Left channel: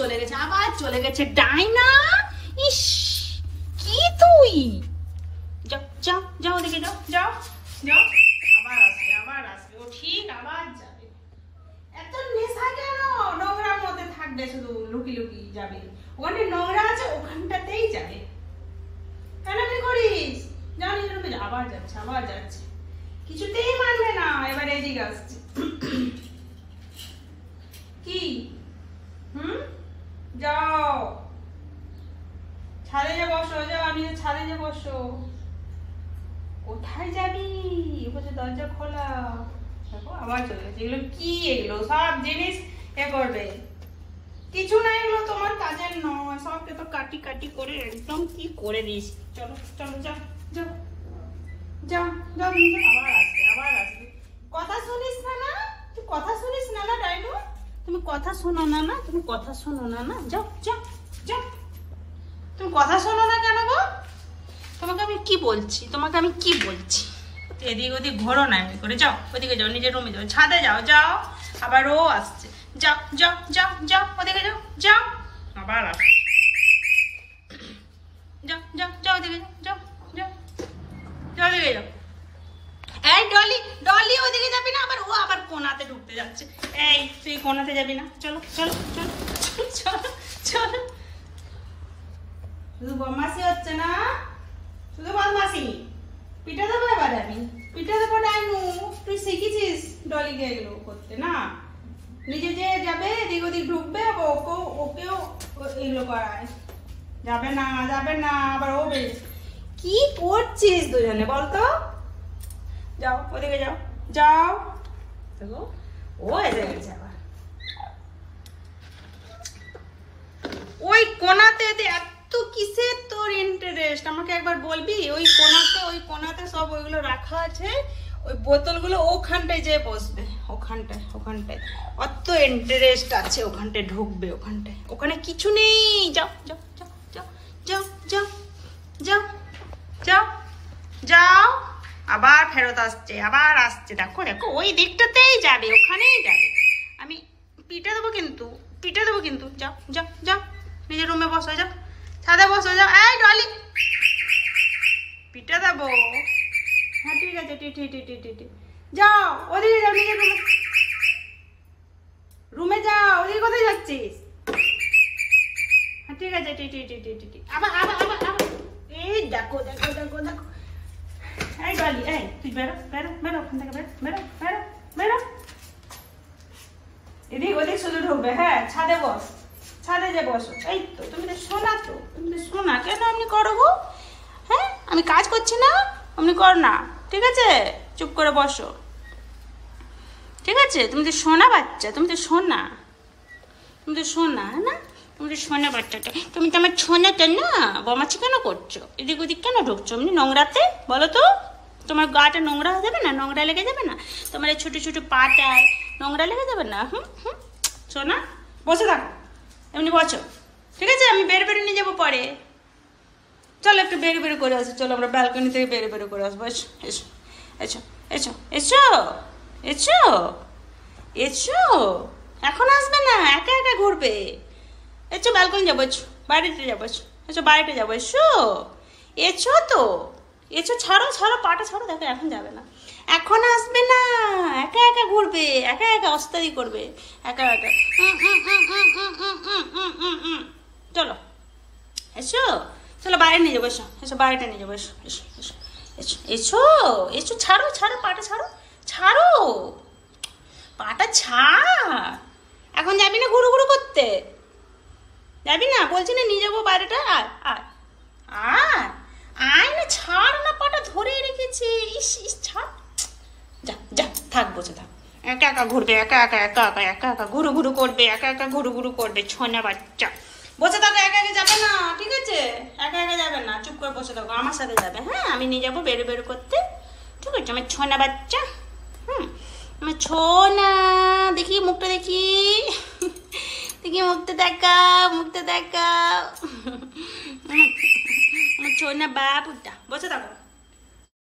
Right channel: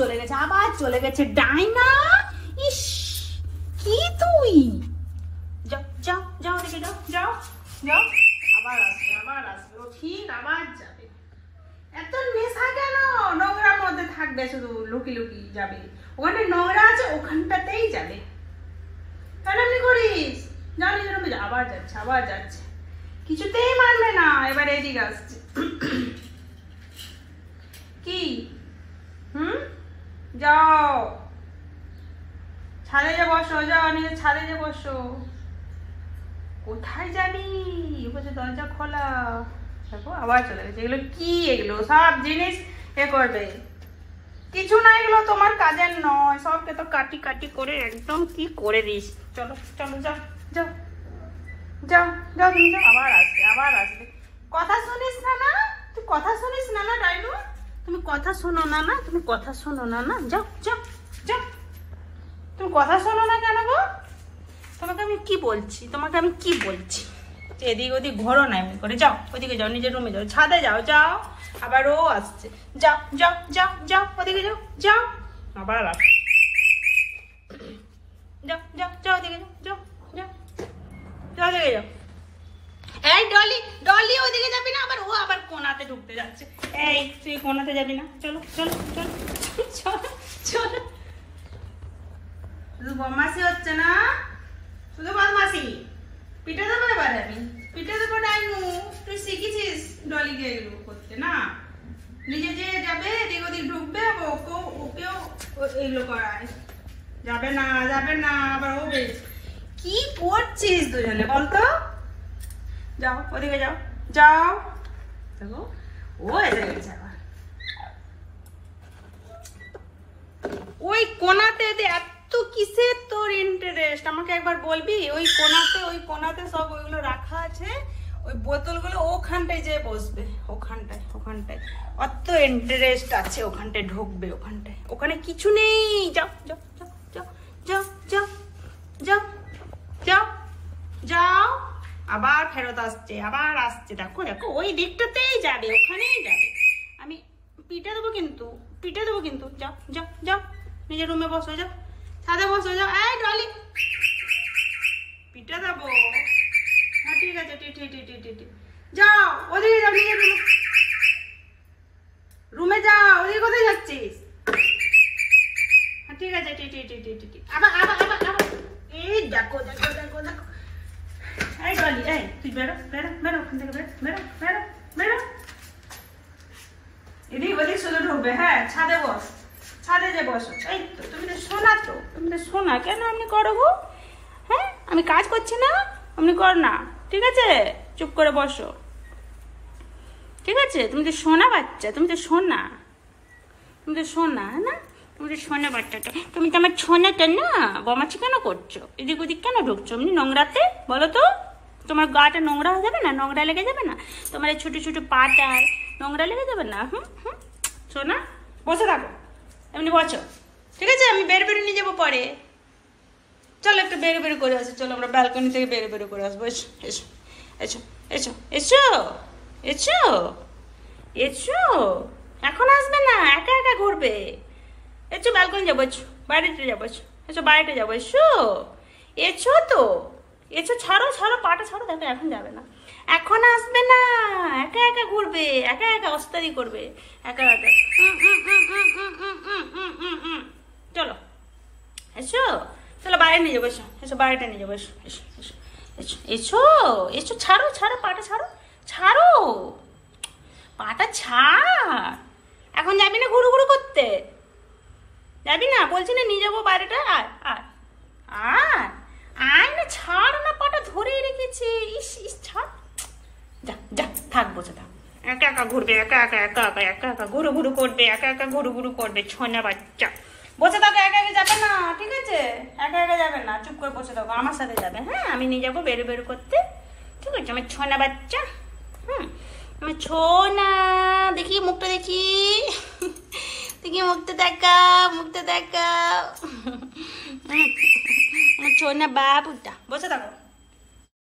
চলে গেছে ডাইনা। ইস কি তুই, যাও যাও যাও দেখে যাও যাও যাও, আবার আসবে ও ঠিক আবার যাবে। এত নেশা কেন, নোংরার মধ্যে থাকবে, শুধু লুকি লুকি যাবে, ওখানে নোংরা আছে ওখানটাতেই যাবে। তাহলে কি করিস, জানি আবার যাচ্ছে, কিছুতেই মানবে না। এবার এদিকে আসছে কি, যাও ছাদে যে বসো, যাও নিজে ছাদে যে বসো। কোথায় যাবি, বলছে দরজা খোলা। দেখো আবার চলে গেছে। এগুলো কি, এগুলো সব জিনিস এ করবে, কিছু না, এগুলো তোমার কাজের নয়, সবকে তো কাটি কাটি করে একদম কি করে দিস। চলো চলো যাও যাও যাও যাও, তুমি যাও, আবার আসবে। কথা শুনিস না, তুই কথা শুনিস না ডাইনু, তুমি কথা শোনো না, তুমি কথা শোনো না, যাও যাও যাও, তুমি কথা শোনো না কেন গো? তোমাকে আমি কি বলছি, এদিক ওদিক ঘোরো না এমনি করে, যাও ওদিকে যাও, নিজের রুমে যাও, ছাদে যাও যাও, আবার ও আসছে, যাও যাও যাও যাও ওদিকে যাও যাও, আবার আসছে, যাও যাও যাও ওদিকে যাও যাও যাও ওদিকে যাও। এই ডলি ওদিকে যাবি না, আবার ও আবার কোনাতে ঢুকতে যাচ্ছে। এই তুই কোনাতে যাবি না, চলো চলো চলো চলো চলো। শুধু বদমাসি হচ্ছে না, শুধু বদমাসি, পিঠে দেবো এবার, আমি পিঠে দেবো ডাইনু। তুই শিখেছিস ডলিকে এগুলো করতে না, নিজে যে যাবে এদিক ওদিক ঢুকবে, ওকেও এগুলো করায়। যাবে না আবার ও বেশ কি করছিস দুজনে বলতো, যাও ওদিকে যাও যাও, দেখো ও এসে গেছে আবার ওই কোনাতে। এত কিসের তোর ইন্টারেস্ট, আমাকে একবার বলবি? ওই কোনাতে সব ওইগুলো রাখা আছে, ওই বোতলগুলো ওখানটায় যে বসবে, ওখানটায় অত ইন্টারেস্ট আছে, ওখানটায় ঢুকবে, ওখানে কিছু নেই। যাও যাও যাও যাও যাও যাও যাও যাও যাও, আবার ফেরত আসছে, দেখো দেখো, ওই দিকটাতেই যাবে, ওখানেই যাবে। আমি পিঠে দেবো কিন্তু, যাও যাও যাও, নিজের রুমে বসো, যাও ছাদে বসো, যাও। এই ডলি, পিঠে দেবো, হ্যাঁ ঠিক আছে, যাও ওদিকে যাও, নিজের রুমে যাও। ওদিকে কোথায় যাচ্ছিস? হ্যাঁ ঠিক আছে, আবার এই দেখো দেখো দেখো দেখো। এই ডলি, এই তুই বেরো ওখান থেকে, বেরো। এদিক ওদিক শুধু ঢুকবে, হ্যাঁ ছাদে যে বসো। এই তো তুমি তো শোনা কেন এমনি করো গো? হ্যাঁ আমি কাজ করছি না, এমনি কর না, ঠিক আছে? চুপ করে বসো, ঠিক আছে? তুমি তো শোনা বাচ্চা, তুমি তো শোনা না, তুমি তো শোনা বাচ্চাটা, তুমি তো আমার ছোনাটা না। বমাছি কেন করছো, এদিক ওদিক কেন ঢুকছো এমনি নোংরাতে, বলো তো? তোমার গাটা নোংরা হয়ে যাবে না, নোংরা লেগে যাবে না? তোমার এই ছোট ছোট পাটায় নোংরা লেগে যাবে না? শোনা, বসে থাকো, এমনি বসো, ঠিক আছে? আমি বের নিয়ে যাবো পরে। চলো একটু বের করে আসো, চলো আমরা ব্যালকনি থেকে বের করে আসবো। এসো এসো এসো এসো এসো এসো, এখন আসবে না, একা একা ঘুরবে। এসো ব্যালকনি যাবো, বাড়িতে যাবো, এসো বাড়িতে যাবো, এসো তো, ছাড়ো পাটা ছাড়ো, দেখো এখন যাবে না, এখন আসবে না, একা একা ঘুরবে, একা একা অস্তারি করবে, একা চলো চলো বাইরে নিয়ে যাবো, এসো বাড়িটা নিয়ে যাবো, এসো ছাড়ো পাটা ছাড়ো পাটা ছাড়। এখন যাবি না ঘুরু করতে, যাবি না? বলছি না নিয়ে যাবো বাইরেটা, আয় না, ছাড় না, পাটা ধরেই রেখেছি, ছাড়, যা থাক, বসে থাক, একা একা ঘুরবে, একা একা ঘুরু করবে, একা একা ঘুরু করবে, ছোনা বাচ্চা। বসে থাকো, একা একা যাবে না, ঠিক আছে? একা একা যাবে না, চুপ করে বসে থাকো, আমার সাথে যাবে, হ্যাঁ? আমি নিয়ে যাবো বের করতে, ঠিক আছে? আমার ছোনা বাচ্চা, আমার ছোনা, দেখি মুখটা, দেখি মুখটা দেখা, আমার ছোনা বাবুটা, বসে থাকো।